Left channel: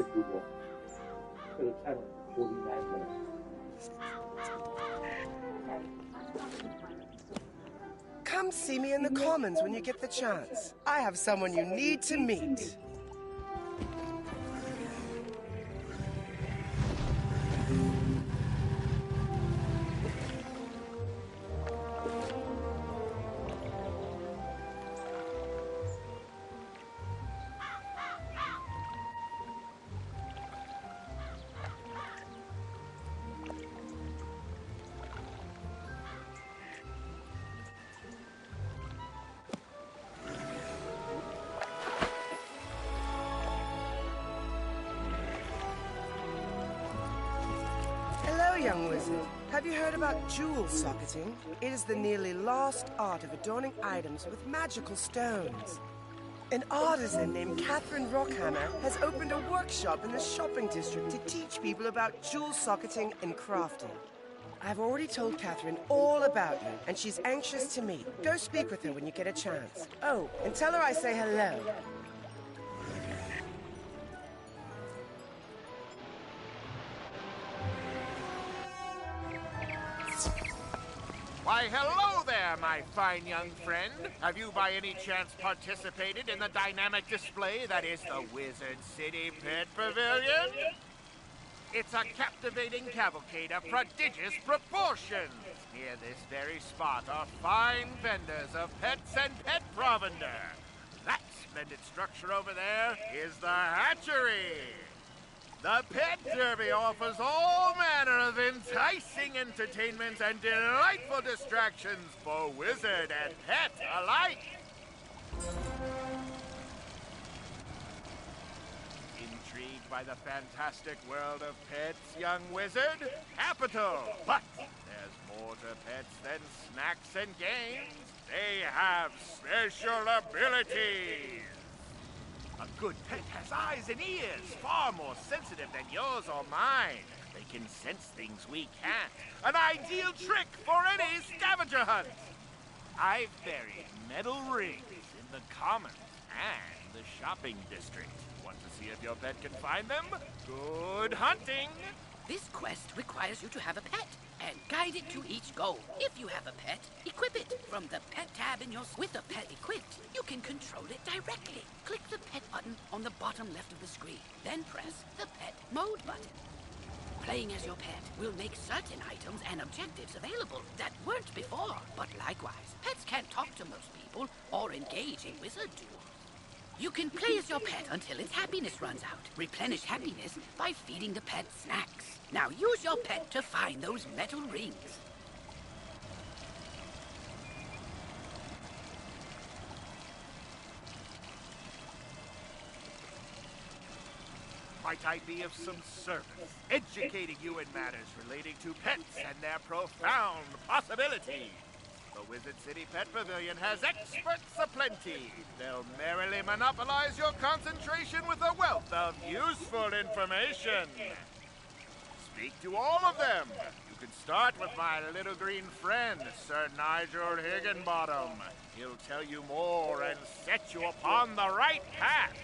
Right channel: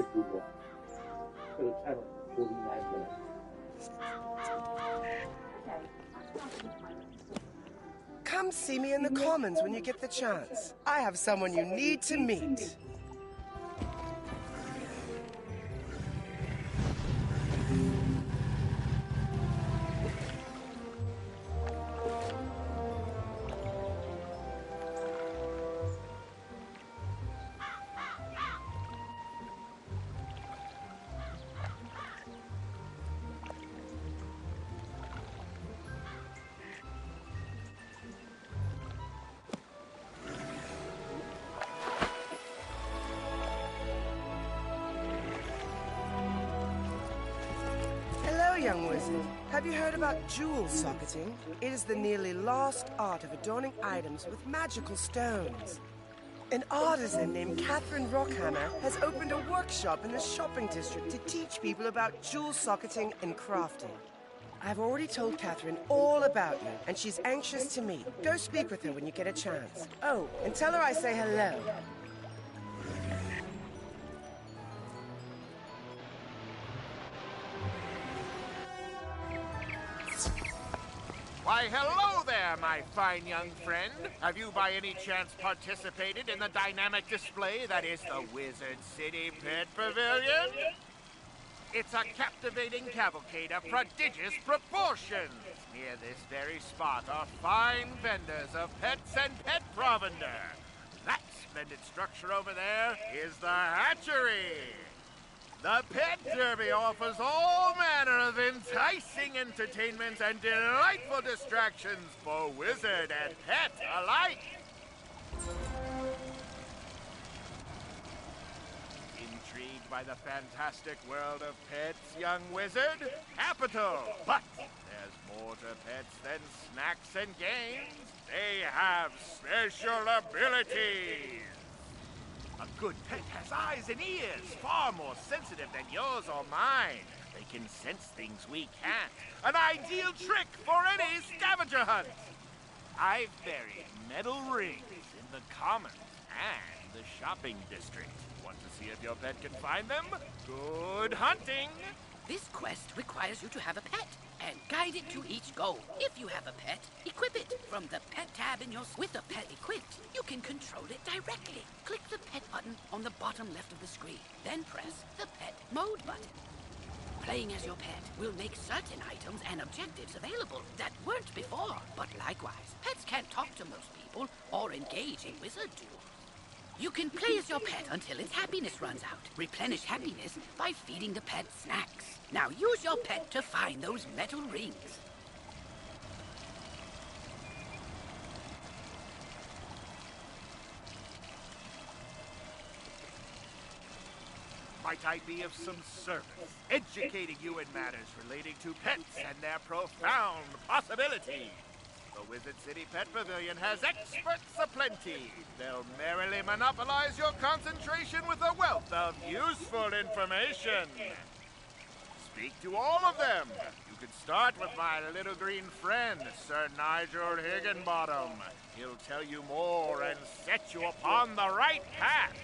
approval for the channel for 49 minutes. Come see me in the Commons when you get the chance. I have someone you need to meet. Young wizard, have you heard about jewel socketing? It is the nearly lost art of adorning items with magical stones. An artisan named Catherine Rockhammer has opened a workshop in the shopping district to teach people about jewel socketing and crafting. I've already told Catherine all about you, and she's anxious to meet. Go speak with her when you get a chance. Oh, and tell her I say hello. Why, hello there, my fine young friend. Have you by any chance participated in the dynamic display that is the Wizard City Pet Pavilion? It's a captivating cavalcade of prodigious proportions. Near this very spot are fine vendors of pets and pet provender. That splendid structure over there is the hatchery. The Pet Derby offers all manner of enticing entertainments and delightful distractions for wizard and pet alike. Intrigued by the fantastic world of pets, young wizard? Capital! But there's more to pets than snacks and games. They have special abilities. A good pet has eyes and ears, far more sensitive than yours or mine. They can sense things we can't. An ideal trick for any scavenger hunt. I've buried metal rings in the Commons and the shopping district. Want to see if your pet can find them? Good hunting! This quest requires you to have a pet and guide it to each goal. If you have a pet, equip it. From the pet tab in your... With the pet equipped, you can control it directly. Click the pet button on the bottom left of the screen. Then press the pet mode button. Playing as your pet will make certain items and objectives available that weren't before. But likewise, pets can't talk to most people or engage in wizard duels. You can play as your pet until its happiness runs out. Replenish happiness by feeding the pet snacks. Now use your pet to find those metal rings. Might I be of some service, educating you in matters relating to pets and their profound possibilities? The Wizard City Pet Pavilion has experts aplenty. They'll merrily monopolize your concentration with a wealth of useful information. Speak to all of them. You can start with my little green friend, Sir Nigel Higginbottom. He'll tell you more and set you upon the right path.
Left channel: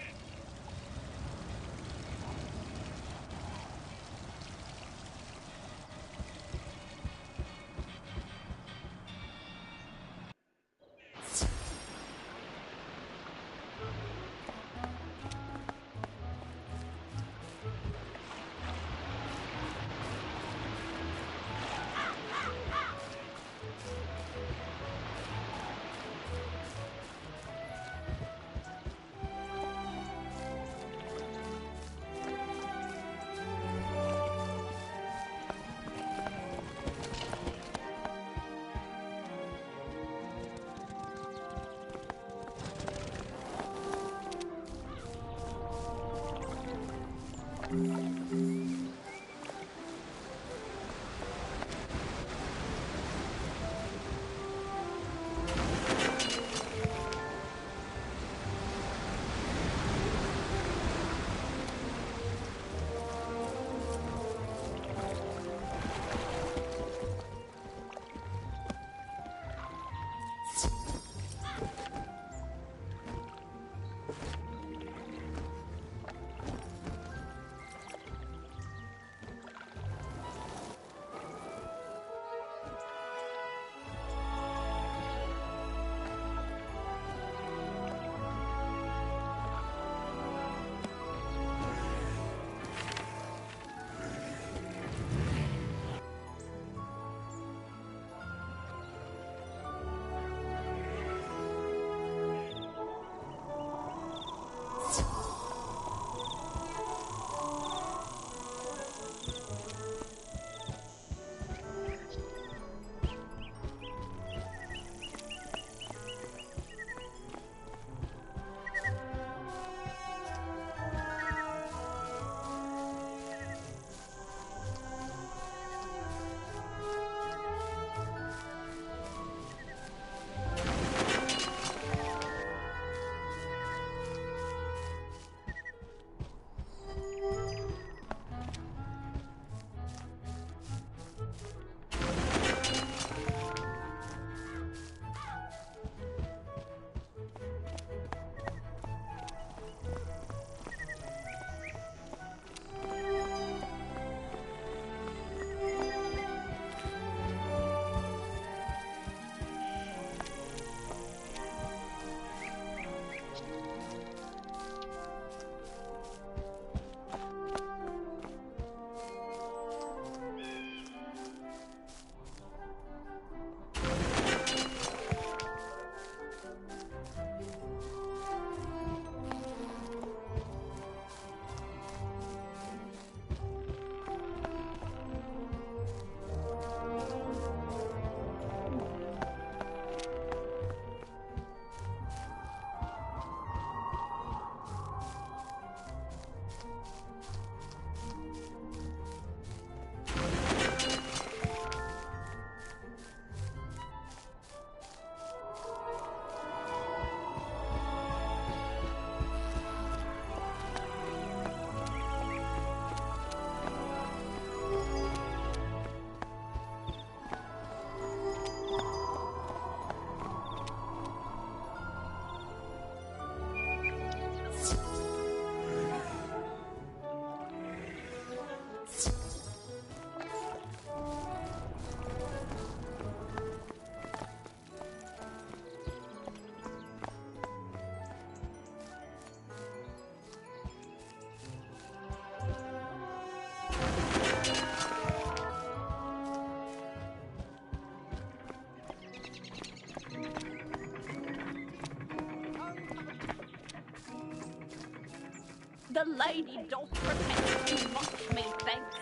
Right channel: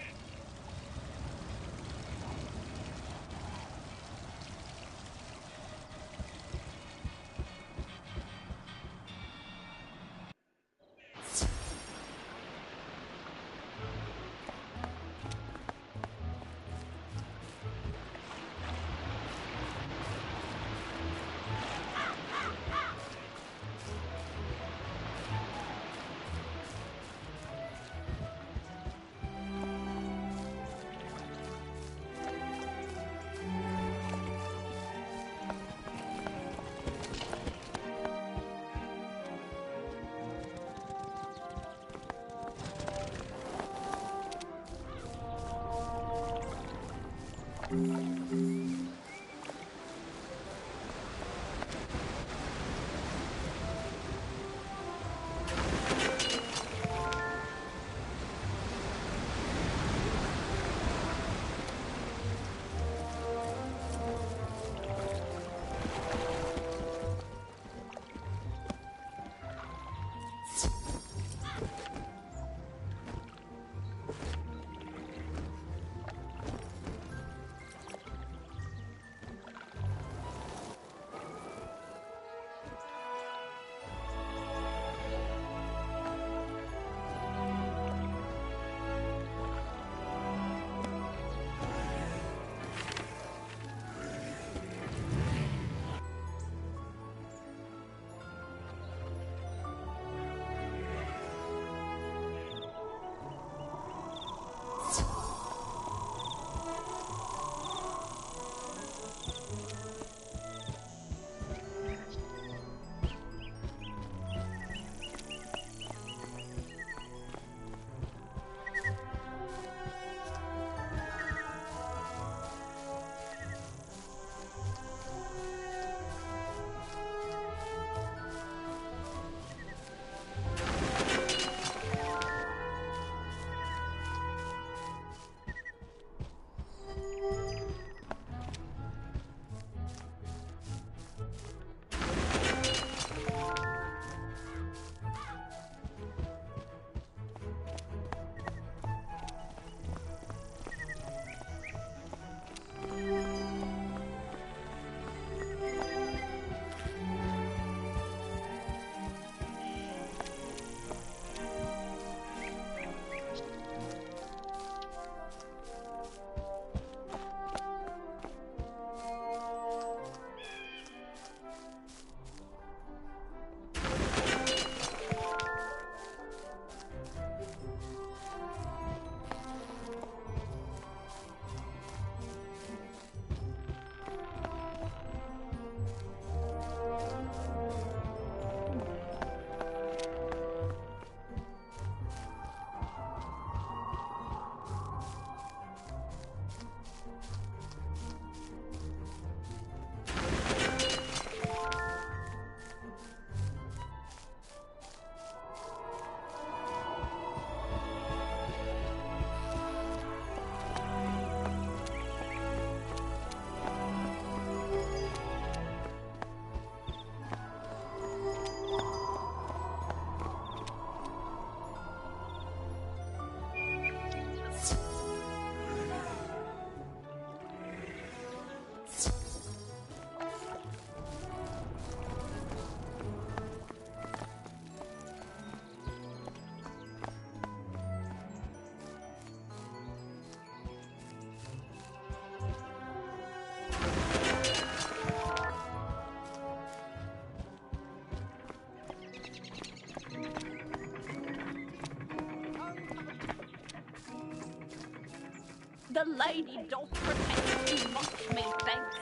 lady doth protect too much, methinks.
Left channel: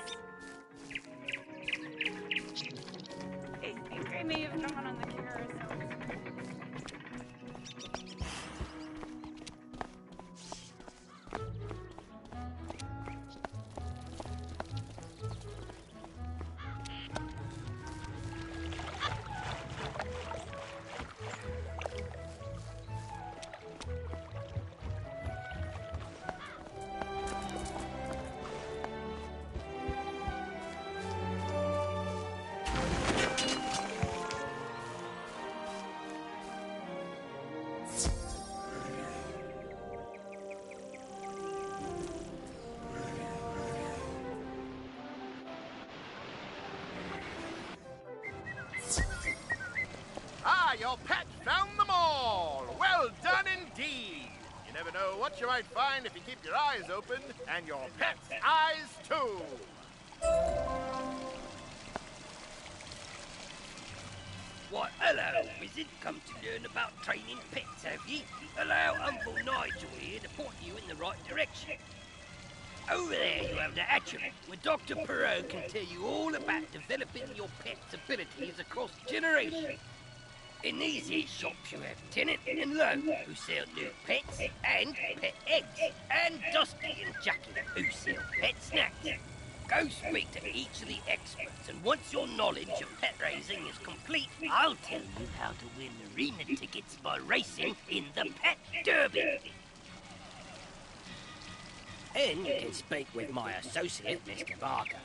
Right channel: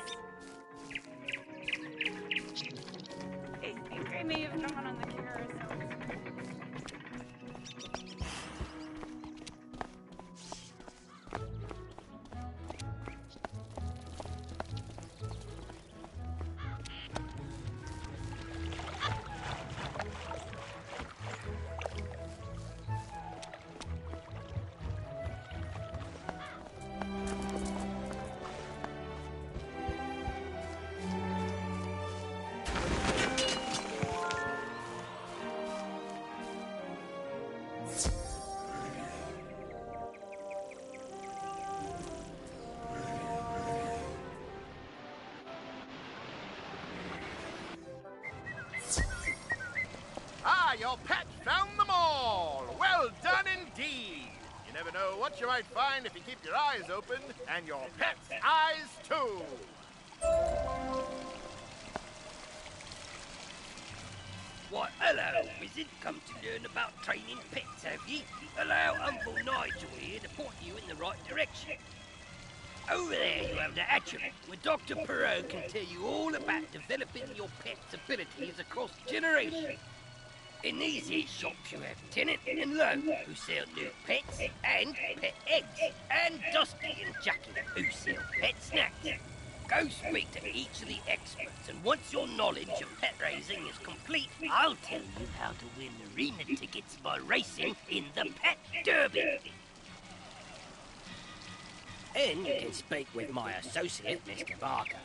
I may have drawn on the carousel. Ah, your pet found them all! Well done indeed! You never know what you might find if you keep your eyes open, and your pet's eyes too! Why, hello, wizard. Come to learn about training pets, have ye? Allow Humble Nigel here to point you in the right direction. Over there you have the hatchery, where Dr. Perot can tell you all about developing your pet's abilities across generations. In these here shops you have Tennant and Lowe, who sell new pets and pet eggs, and Dusty and Jackie, who sell pet snacks. Go speak to each of the experts, and once your knowledge of pet raising is complete, I'll tell you how to win arena tickets by racing in the Pet Derby. And you can speak with my associate, Mr. Barker.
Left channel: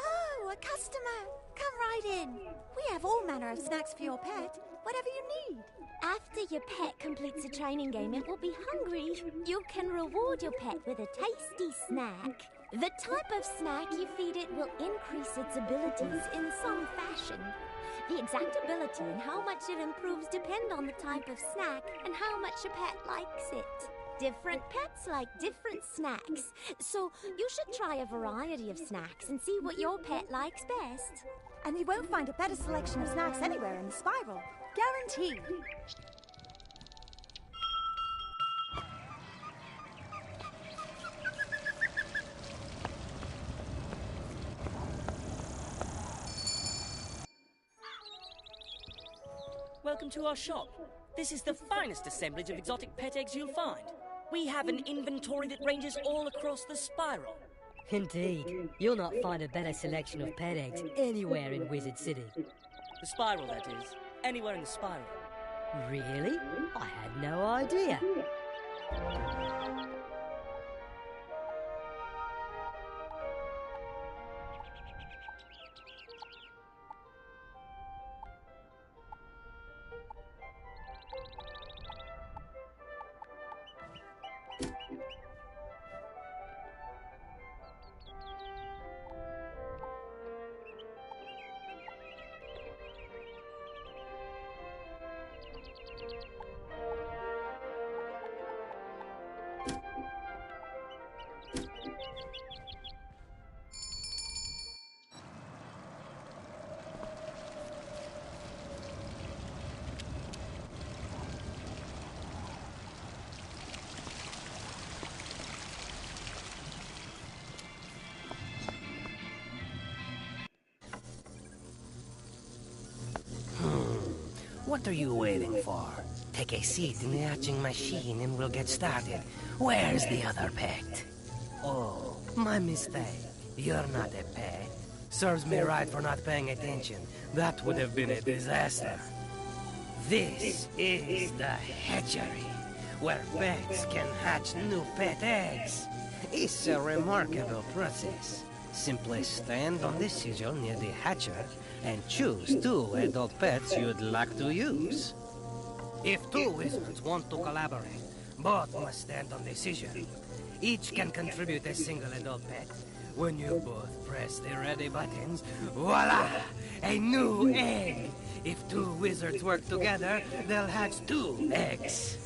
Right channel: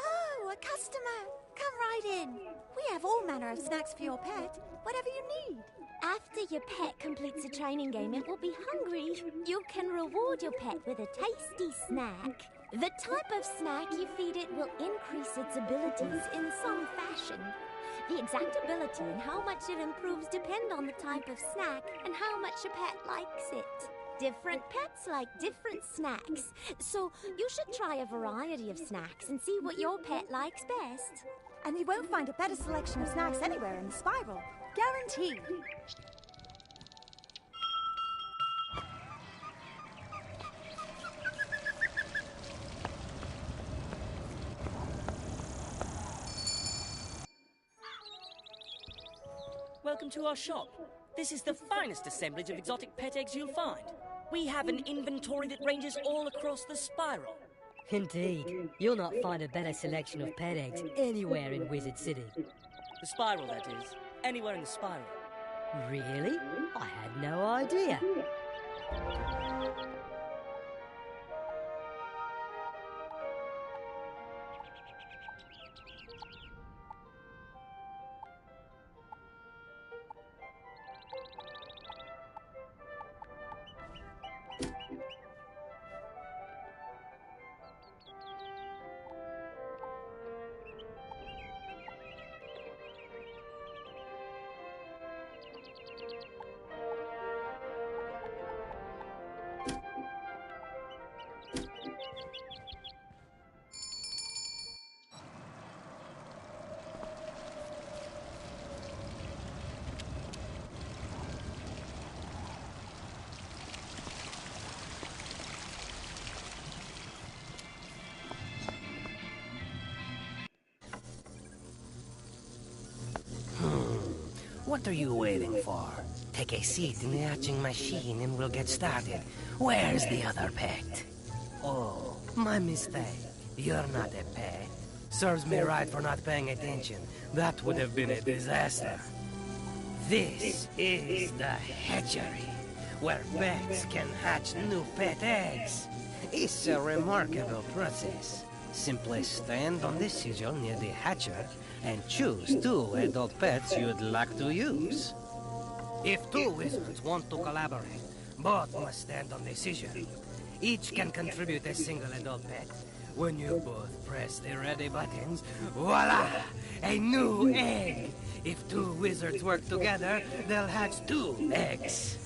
Oh, a customer! Come right in. We have all manner of snacks for your pet, whatever you need. After your pet completes a training game and will be hungry, you can reward your pet with a tasty snack. The type of snack you feed it will increase its abilities in some fashion. The exact ability and how much it improves depend on the type of snack and how much your pet likes it. Different pets like different snacks, so you should try a variety of snacks and see what your pet likes best. And you won't find a better selection of snacks anywhere in the spiral. Guaranteed. Welcome to our shop. This is the finest assemblage of exotic pet eggs you'll find. We have an inventory that ranges all across the spiral. Indeed. You'll not find a better selection of pet eggs anywhere in Wizard City. The spiral, that is. Anywhere in the spiral. Really? I had no idea. What are you waiting for? Take a seat in the hatching machine and we'll get started. Where's the other pet? Oh, my mistake. You're not a pet. Serves me right for not paying attention. That would have been a disaster. This is the hatchery, where pets can hatch new pet eggs. It's a remarkable process. Simply stand on the sigil near the hatcher and choose 2 adult pets you'd like to use. If 2 wizards want to collaborate, both must stand on the sigil. Each can contribute a single adult pet. When you both press the ready buttons, voila! A new egg! If 2 wizards work together, they'll hatch 2 eggs.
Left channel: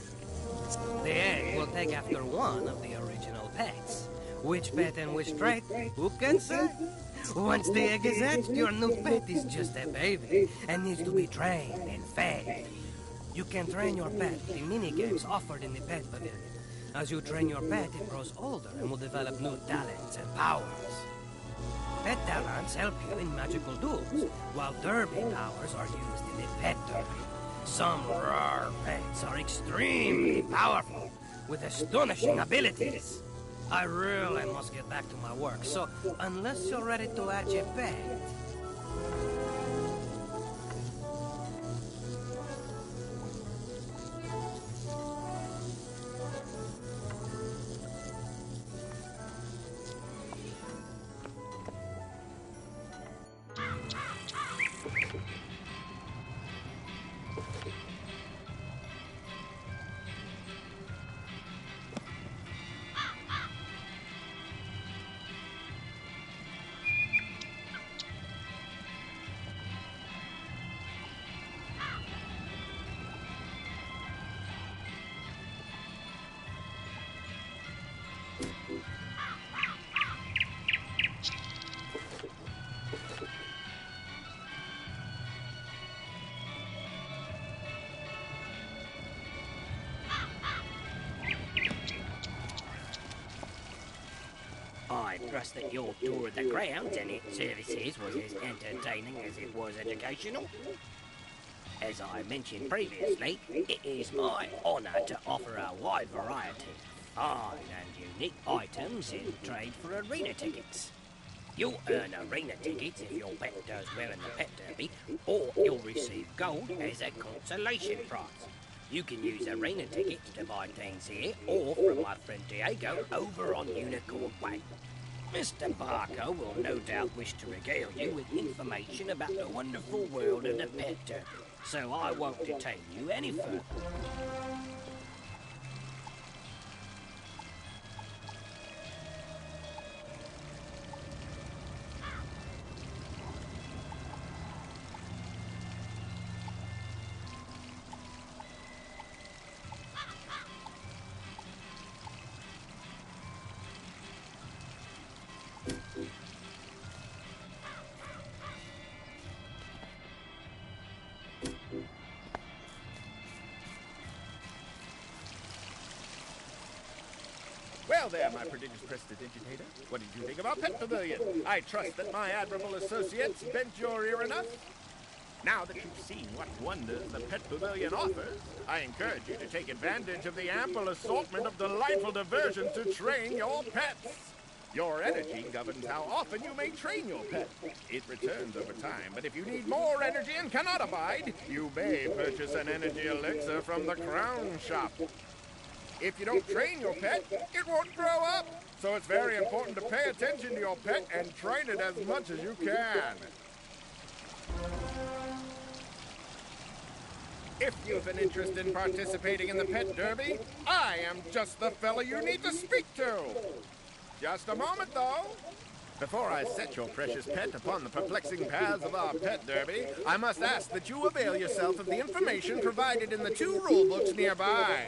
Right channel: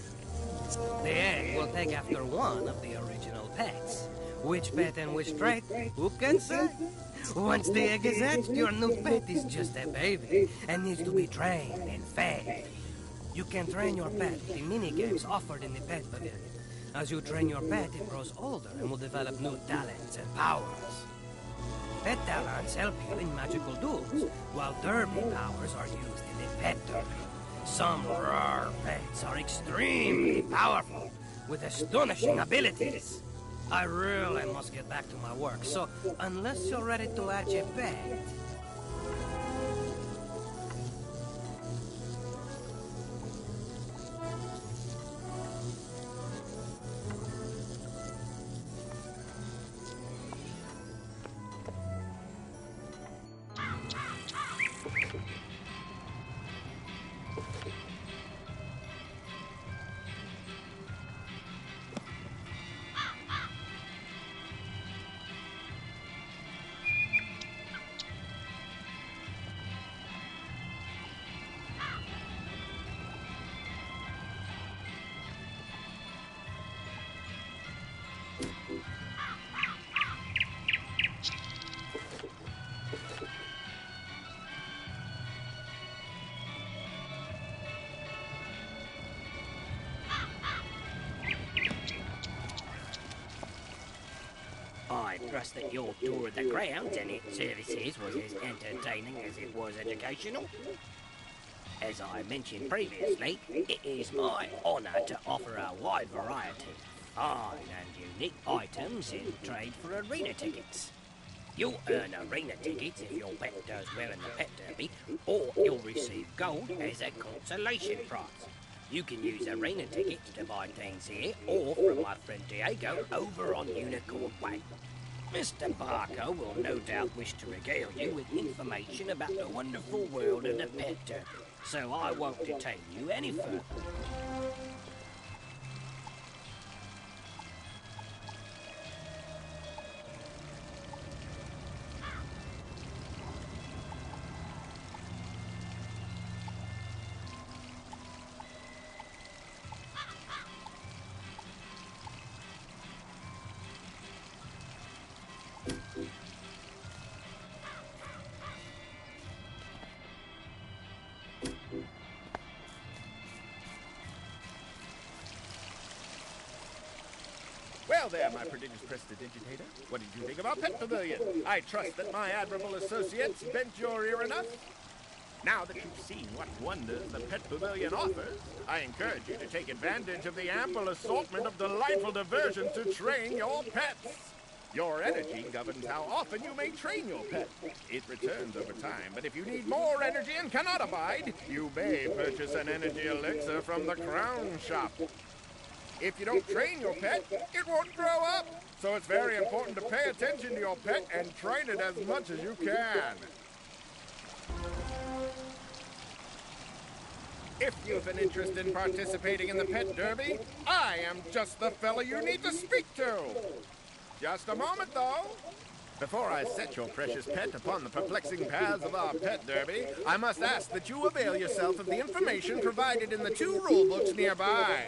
The egg will take after one of the original pets. Which pet and which trait? Who can say? Once the egg is hatched, your new pet is just a baby and needs to be trained and fed. You can train your pet with the mini-games offered in the pet pavilion. As you train your pet, it grows older and will develop new talents and powers. Pet talents help you in magical duels, while derby powers are used in the pet derby. Some rare pets are extremely powerful, with astonishing abilities. I really must get back to my work, so unless you're ready to hatch a pet... I trust that your tour of the grounds and its services was as entertaining as it was educational. As I mentioned previously, it is my honour to offer a wide variety of fine and unique items in trade for arena tickets. You'll earn arena tickets if your pet does well in the pet derby, or you'll receive gold as a consolation prize. You can use arena tickets to buy things here, or from my friend Diego over on Unicorn Way. Mr. Barker will no doubt wish to regale you with information about the wonderful world of the pet derby, so I won't detain you any further. Well there, my prodigious prestidigitator. What did you think about Pet Pavilion? I trust that my admirable associates bent your ear enough. Now that you've seen what wonders the Pet Pavilion offers, I encourage you to take advantage of the ample assortment of delightful diversions to train your pets. Your energy governs how often you may train your pet. It returns over time, but if you need more energy and cannot abide, you may purchase an energy elixir from the Crown Shop. If you don't train your pet, it won't grow up. So it's very important to pay attention to your pet and train it as much as you can. If you've an interest in participating in the Pet Derby, I am just the fella you need to speak to. Just a moment, though. Before I set your precious pet upon the perplexing paths of our Pet Derby, I must ask that you avail yourself of the information provided in the 2 rule books nearby.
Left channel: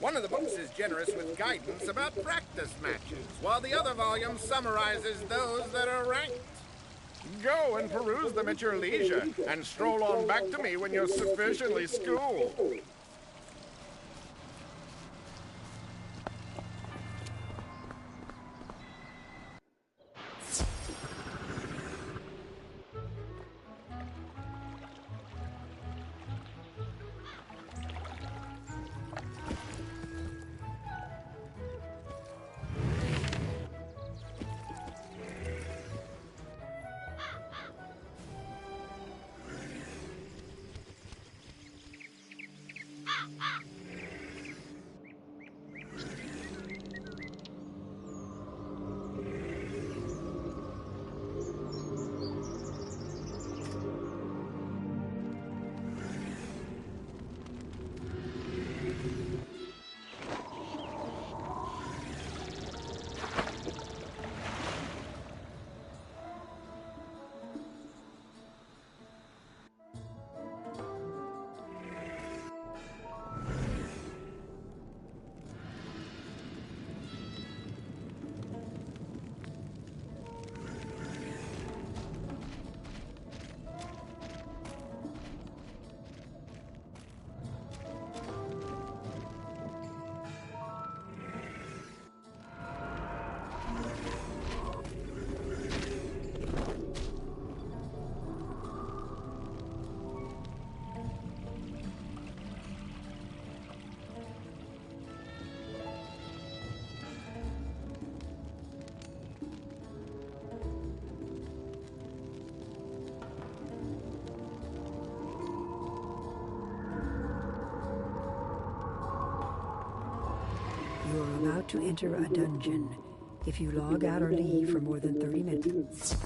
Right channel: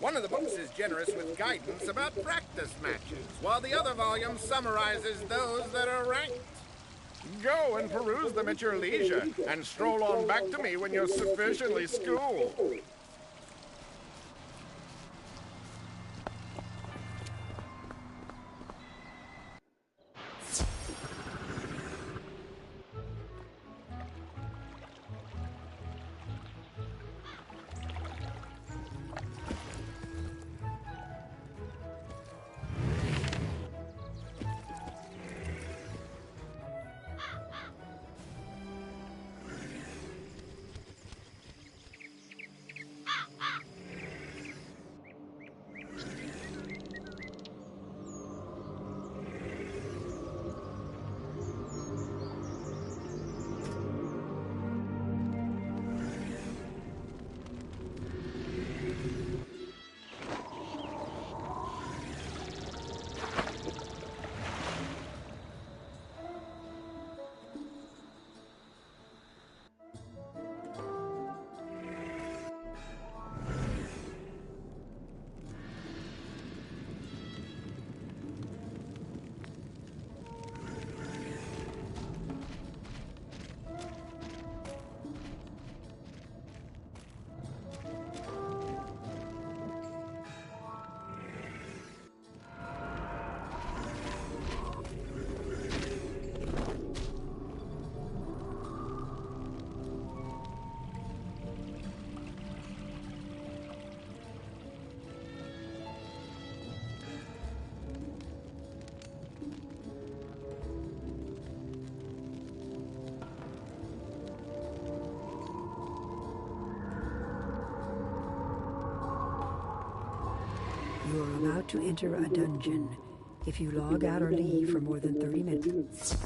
One of the books is generous with guidance about practice matches, while the other volume summarizes those that are ranked. Go and peruse them at your leisure, and stroll on back to me when you're sufficiently schooled. You're about to enter a dungeon. If you log out or leave for more than 30 minutes...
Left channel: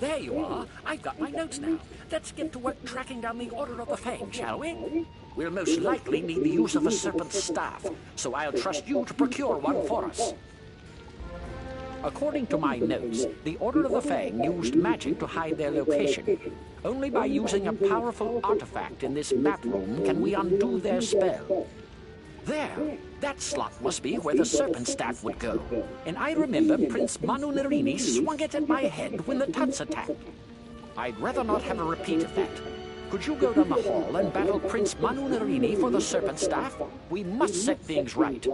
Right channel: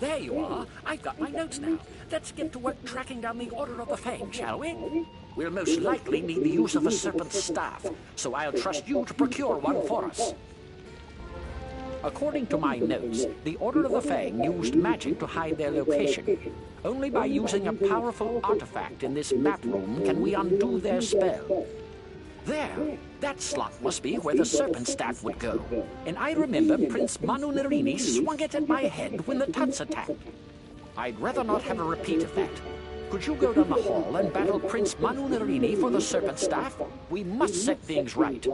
There you are. I've got my notes now. Let's get to work tracking down the Order of the Fang, shall we? We'll most likely need the use of a serpent's staff, so I'll trust you to procure one for us. According to my notes, the Order of the Fang used magic to hide their location. Only by using a powerful artifact in this map room can we undo their spell. There! That slot must be where the serpent staff would go. And I remember Prince Manu Narini swung it at my head when the Tuts attacked. I'd rather not have a repeat of that. Could you go down the hall and battle Prince Manu Narini for the serpent staff? We must set things right.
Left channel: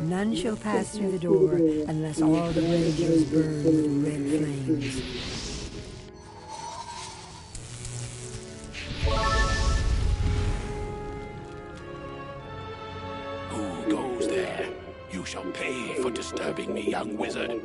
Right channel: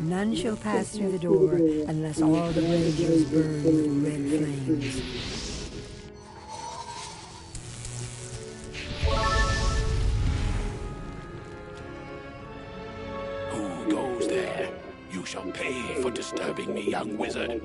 None shall pass through the door unless all the villagers burn with red flames. Who goes there? You shall pay for disturbing me, young wizard.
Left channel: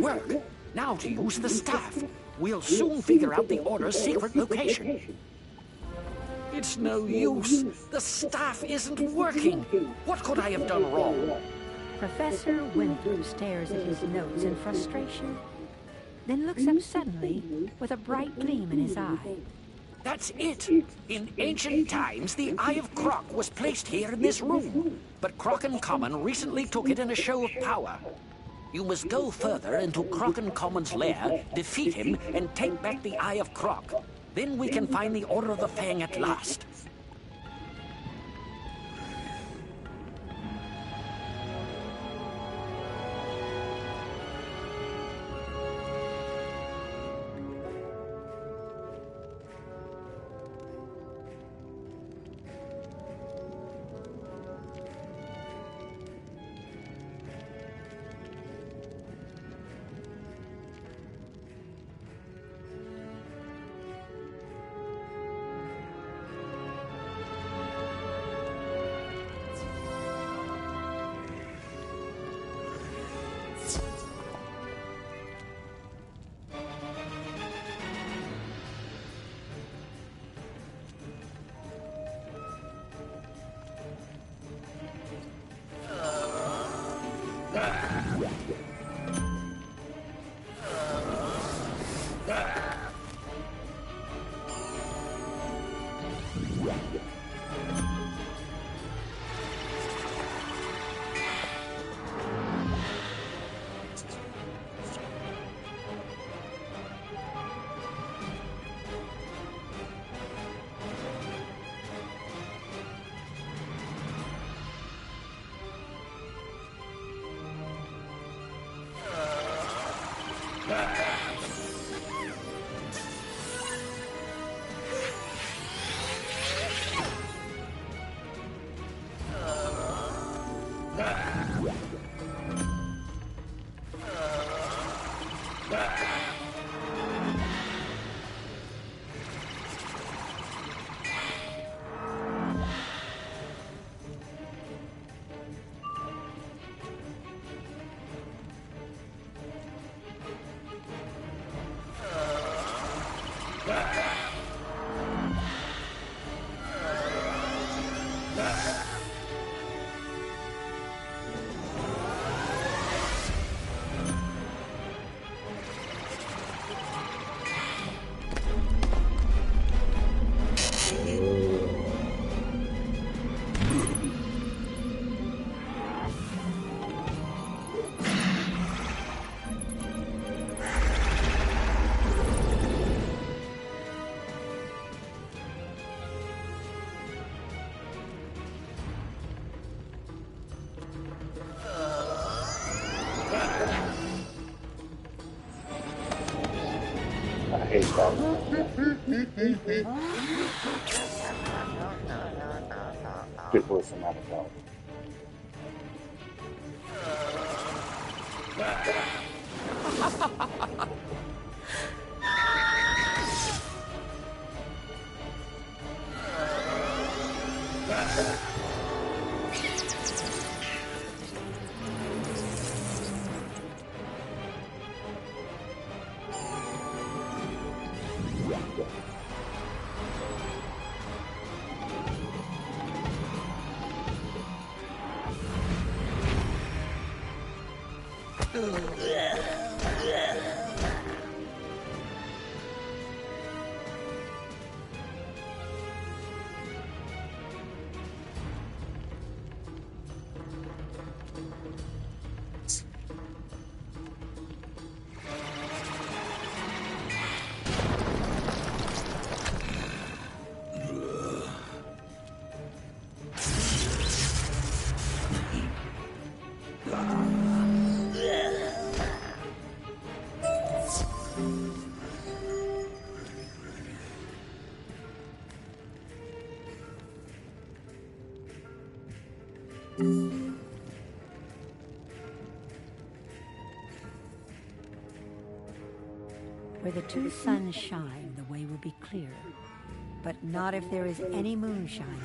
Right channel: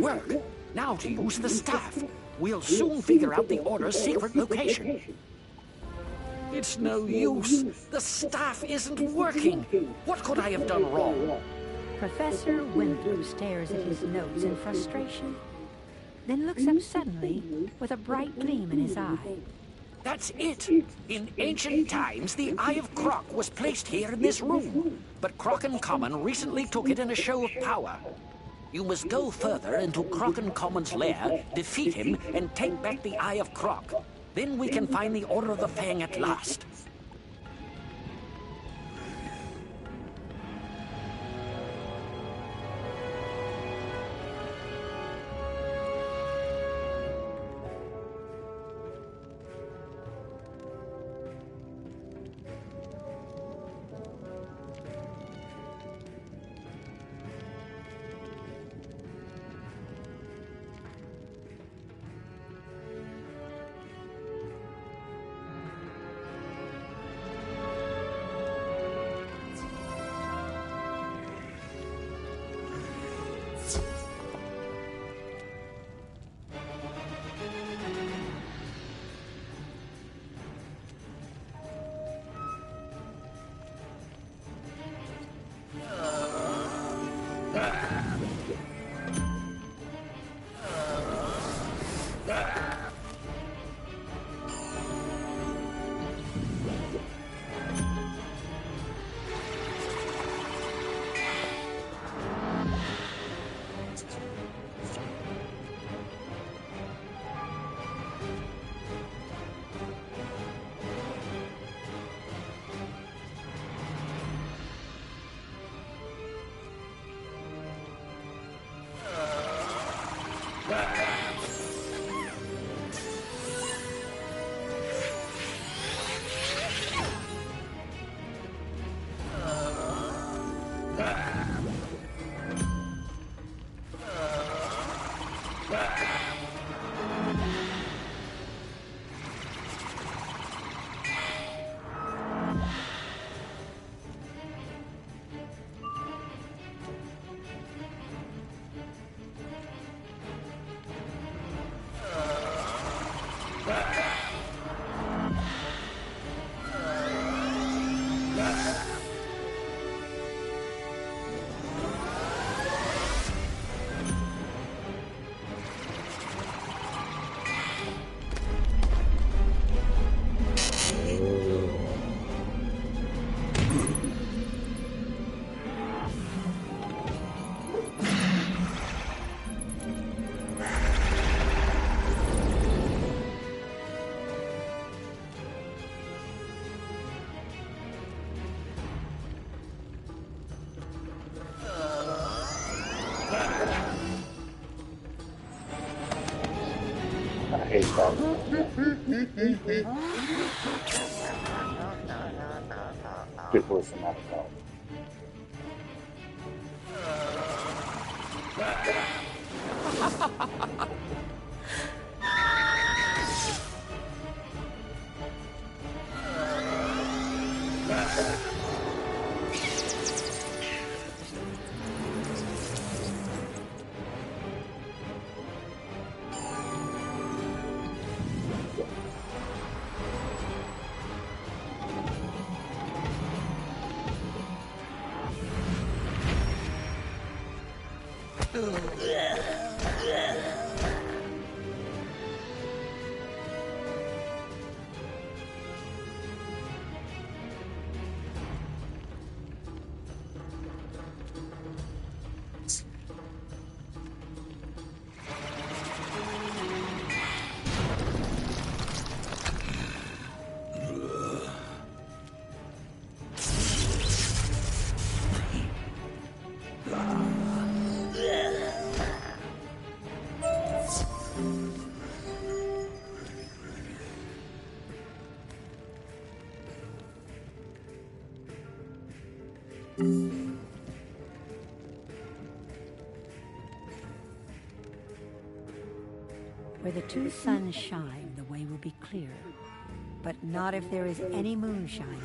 Work. Now to use the staff. We'll soon figure out the Order's secret location. It's no use. The staff isn't working. What could I have done wrong? Professor Winthrop stares at his notes in frustration, then looks up suddenly with a bright gleam in his eye. That's it. In ancient times, the Eye of Croc was placed here in this room, but Crockencommon recently took it in a show of power. You must go further into Crockencommon's lair, defeat him, and take back the Eye of Croc. Then we can find the Order of the Fang at last. I hate that. Good voice and not a dog. Where the two suns shine, the way will be clear, but not if there is any moon shining.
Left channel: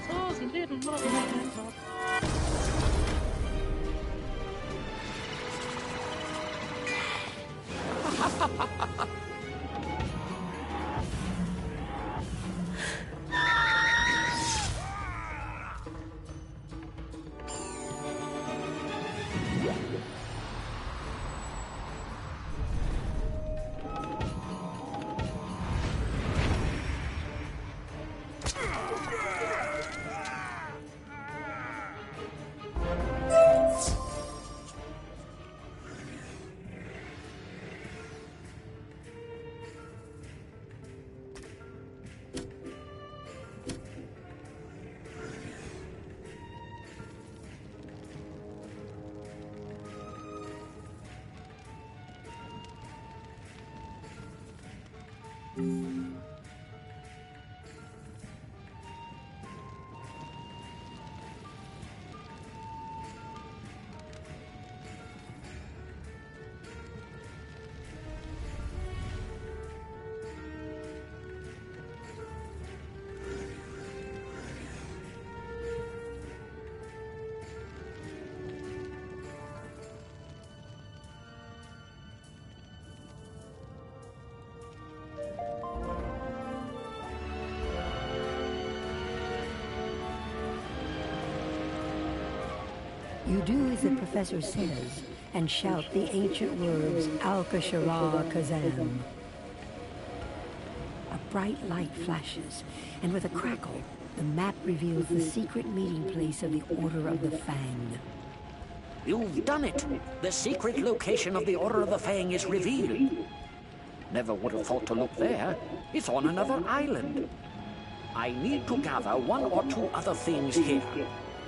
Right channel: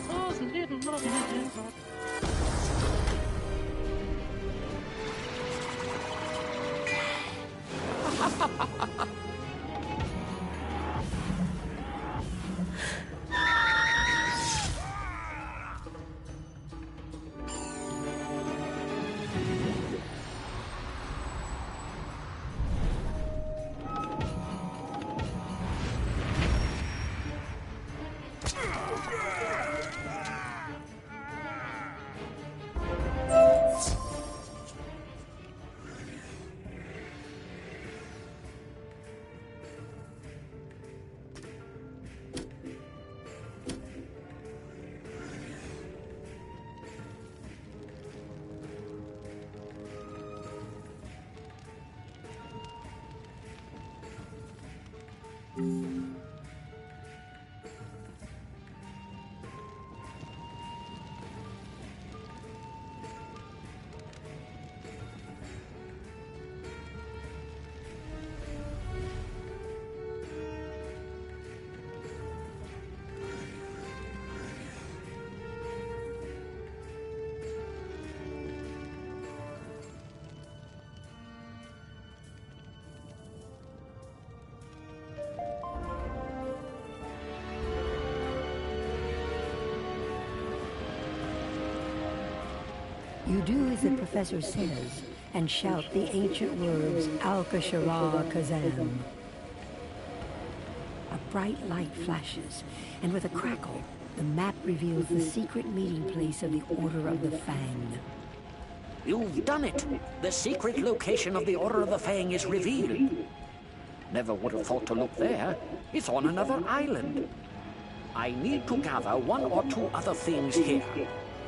pesos and didn't love me. You do as the professor says, and shout the ancient words, Al-Kashara Kazam. A bright light flashes, and with a crackle, the map reveals the secret meeting place of the Order of the Fang. You've done it! The secret location of the Order of the Fang is revealed. Never would have thought to look there. It's on another island. I need to gather one or two other things here.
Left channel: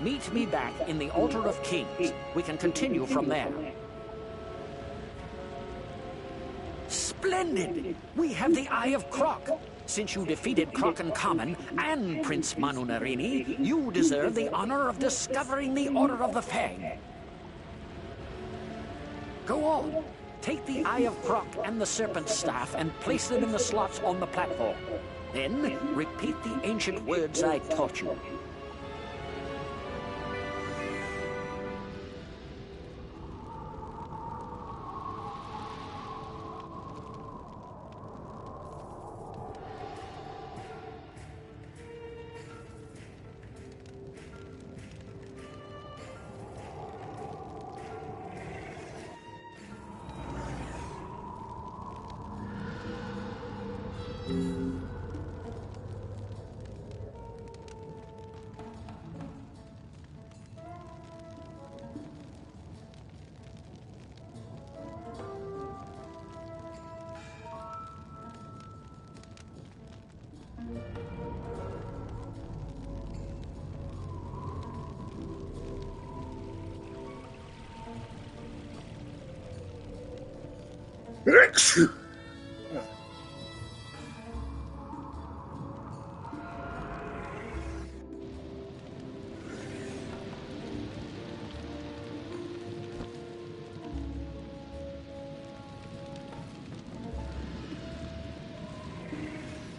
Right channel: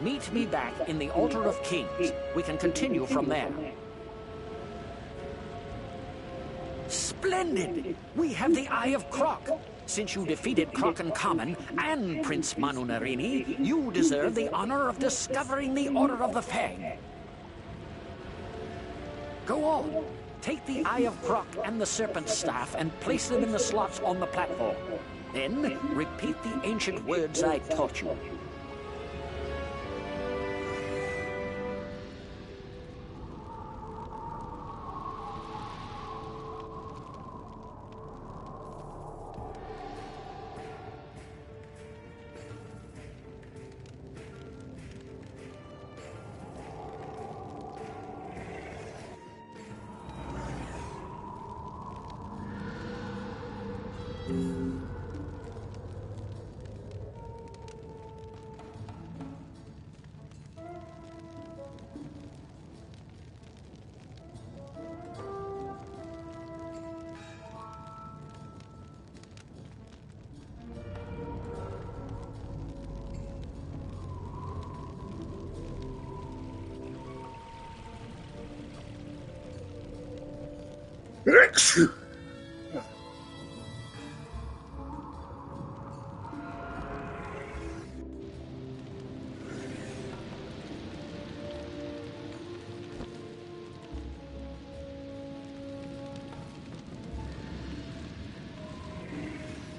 Meet me back in the Altar of Kings. We can continue from there. Splendid! We have the Eye of Croc. Since you defeated Croc and Common and Prince Manu Narini, you deserve the honor of discovering the Order of the Fang. Go on. Take the Eye of Croc and the Serpent Staff and place them in the slots on the platform. Then, repeat the ancient words I taught you.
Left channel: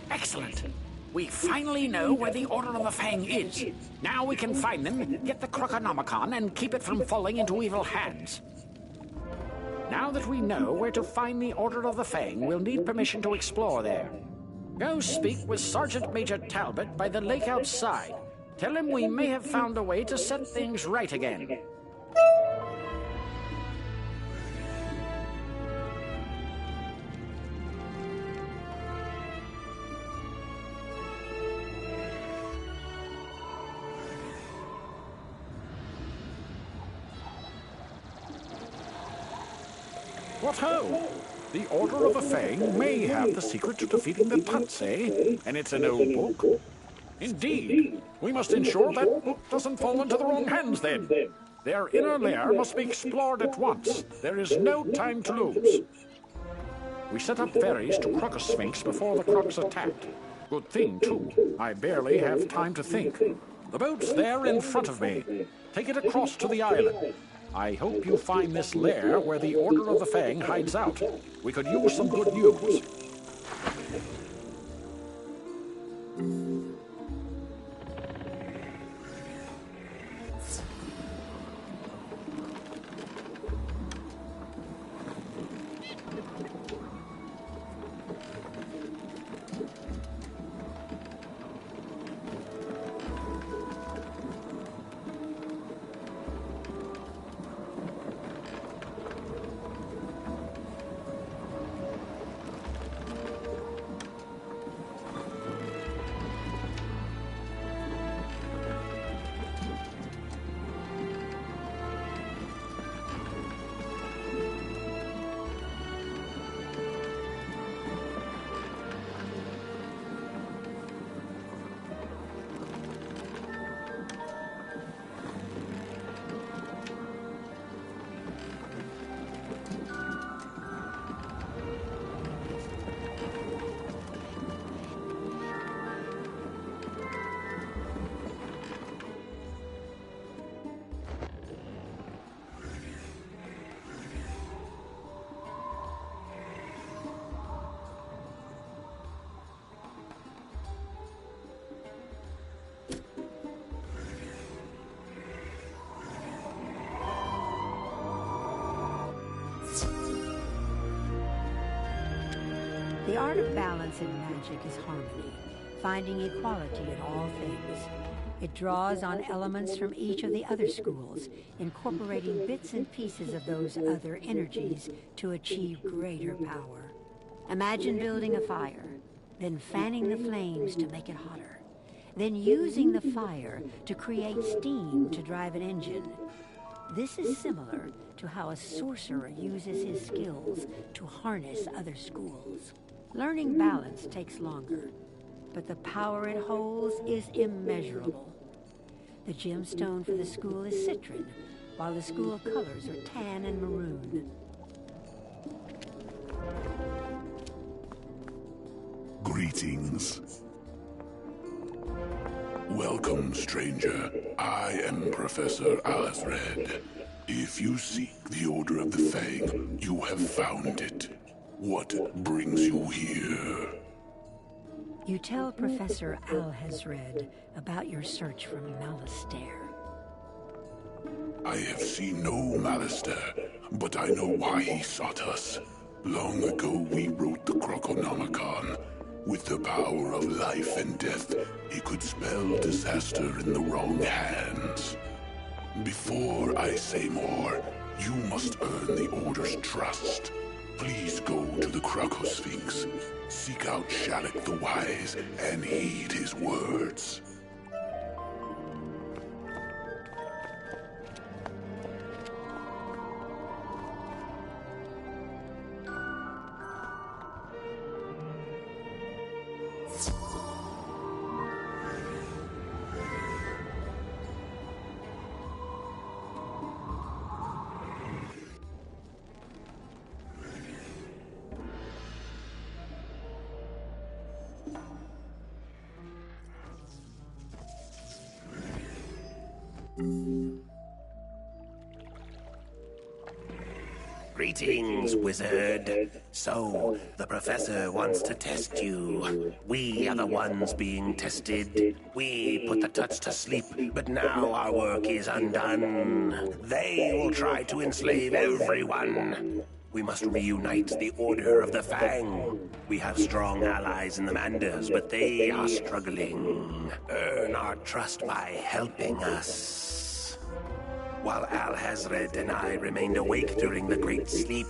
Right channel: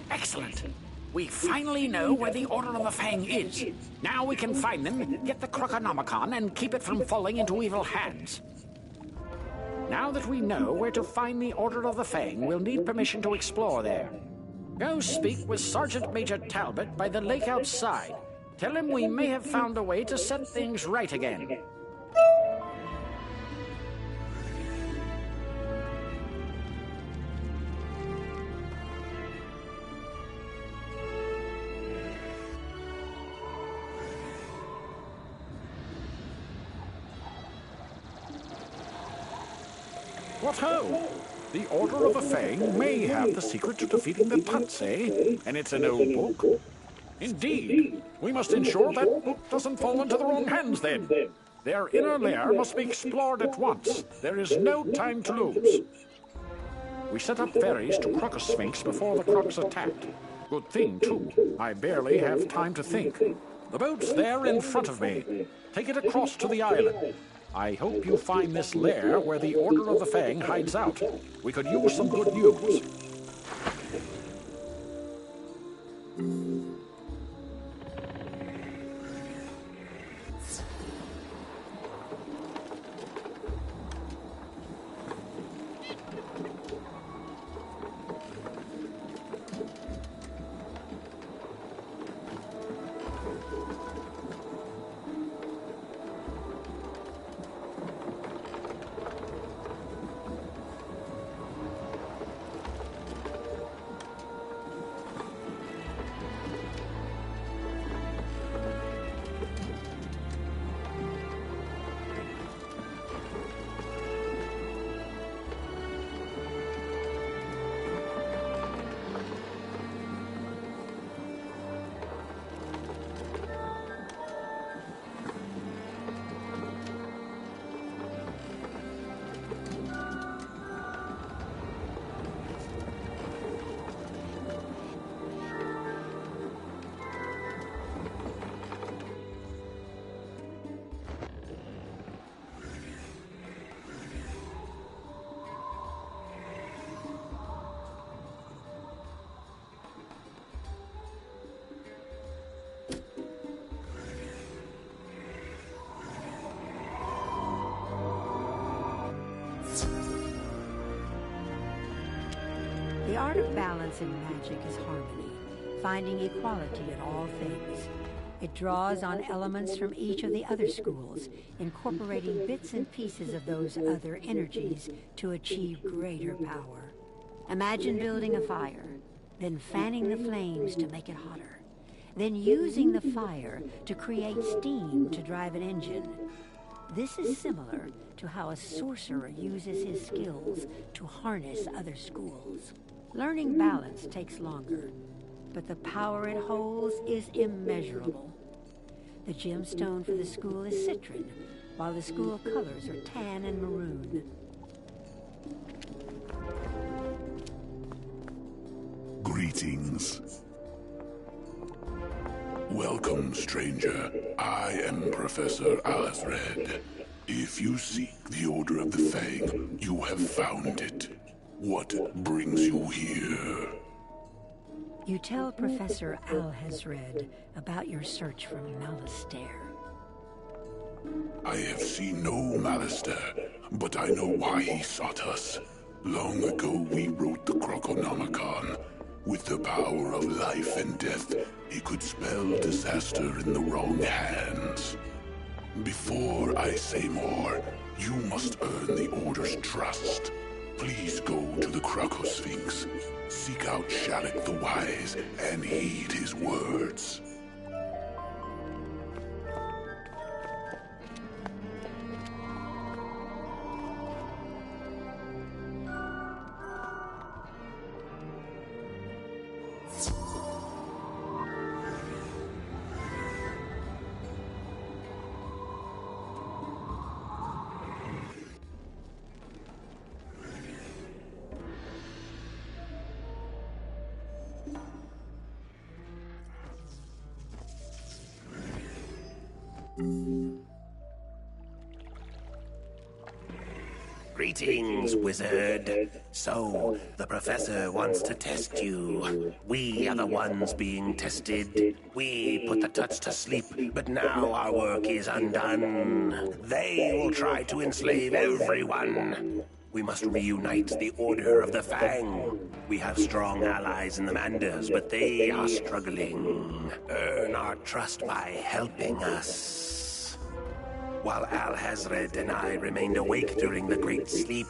Excellent. We finally know where the Order of the Fang is. Now we can find them, get the Croconomicon, and keep it from falling into evil hands. Now that we know where to find the Order of the Fang, we'll need permission to explore there. Go speak with Sergeant Major Talbot by the lake outside. Tell him we may have found a way to set things right again. What ho! The Order of the Fang may have the secret to defeating the Tuts, eh? And it's an old book. Indeed. We must ensure that book doesn't fall into the wrong hands then. Their inner lair must be explored at once. There is no time to lose. We set up ferries to Crocosphinx before the Crocs attacked. Good thing, too. I barely have time to think. The boat's there in front of me. Take it across to the island. I hope you find this lair where the Order of the Fang hides out. We could use some good news. The art of balance in magic is harmony, finding equality in all things. It draws on elements from each of the other schools, incorporating bits and pieces of those other energies to achieve greater power. Imagine building a fire, then fanning the flames to make it hotter, then using the fire to create steam to drive an engine. This is similar to how a sorcerer uses his skills to harness other schools. Learning balance takes longer, but the power it holds is immeasurable. The gemstone for the school is citron, while the school colors are tan and maroon. Greetings. Welcome, stranger. I am Professor Alethred. If you seek the Order of the Fang, you have found it. What brings you here? You tell Professor Alhazred about your search for Malistaire. I have seen no Malistaire, but I know why he sought us. Long ago we wrote the Croconomicon. With the power of life and death, it could spell disaster in the wrong hands. Before I say more, you must earn the Order's trust. Please go to the Crocosphinx. Seek out Shalek the Wise and heed his words. Greetings, wizard. So, the professor wants to test you. We are the ones being tested. We put the Tuts to sleep, but now our work is undone. They will try to enslave everyone. We must reunite the Order of the Fang. We have strong allies in the Manders, but they are struggling. Earn our trust by helping us. While Alhazred and I remained awake during the Great Sleep,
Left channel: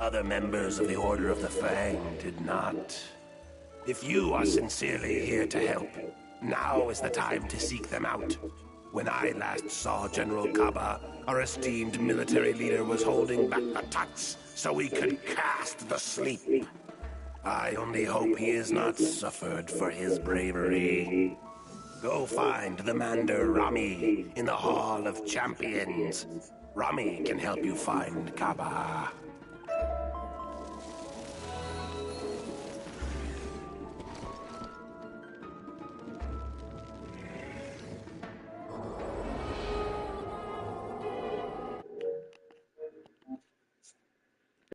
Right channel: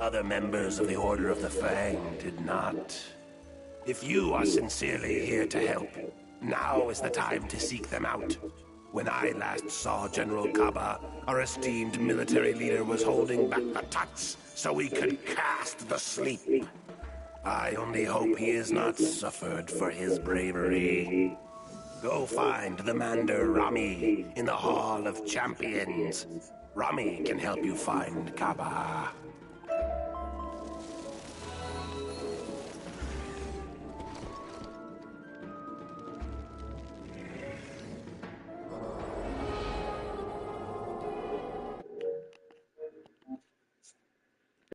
other members of the Order of the Fang did not. If you are sincerely here to help, now is the time to seek them out. When I last saw General Kaba, our esteemed military leader was holding back the Tuts so he could cast the sleep. I only hope he has not suffered for his bravery. Go find the Mander Rami in the Hall of Champions. Rami can help you find Kaba.